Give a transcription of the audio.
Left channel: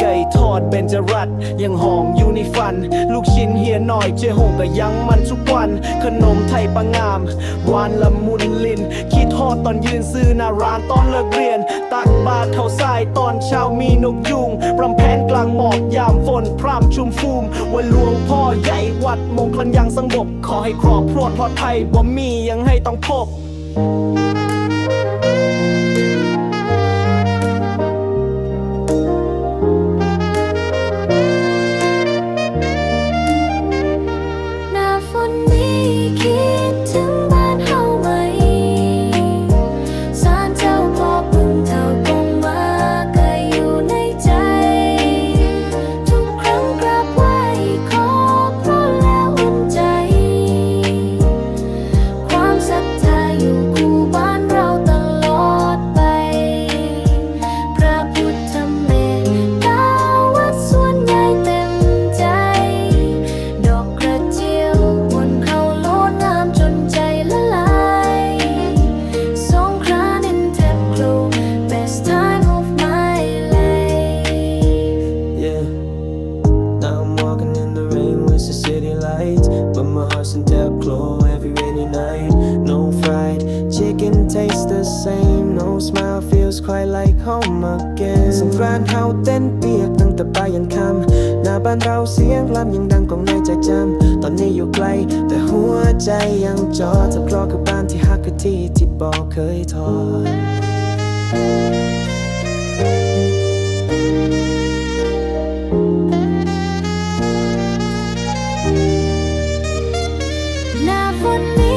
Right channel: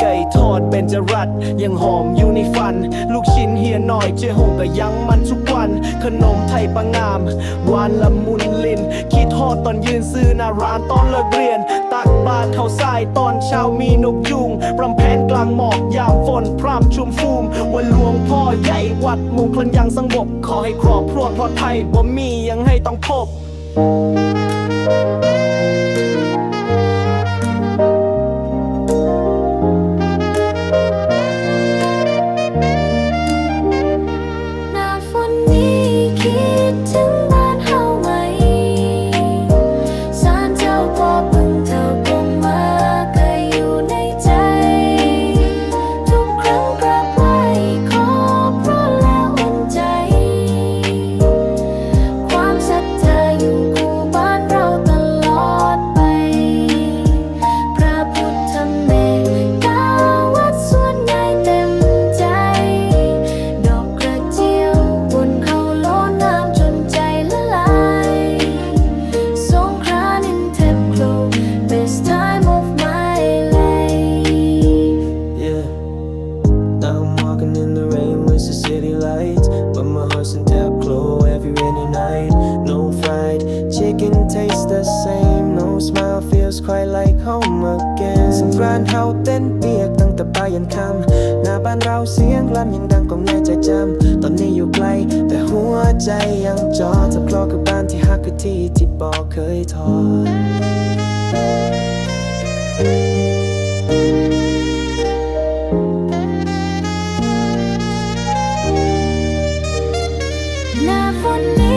ไก่ทอดเบนจรัสยังหอมอยู่ในฟัน ลูกชิ้นเฮียหน่อยเจหงก็ยังมันทุกวัน ขนมไทยปังงามหวานละมุนลินคิดทอดตอนยืนซื้อหน้าร้านตอนเลิกเรียน ตักบาตรเข้าทรายตอนเช้ามีนกยุงรำแพนกลางหมอกยามฝนพร่ำชุมฟูมวันหลวงพ่อใหญ่วัดมงคลยังสงบ ขอให้ครอบครัวปลอดภัยบ่มียังให้ต้องพบ But my heart's in Tapclo every rainy night. No fried chicken tastes the same. No smile feels quite like home again. สงกรานต์เฮาเต้นเปียกตั้งแต่บ่ายยันค่ำหน้าบ้านเราเสียงลั่นยังดังกองในใจจำตอนนี้อยู่ไกล แต่หัวใจยังจอทับคลอคือบ้านที่ฮักคือที่ที่บอกเคยทอด Never knew.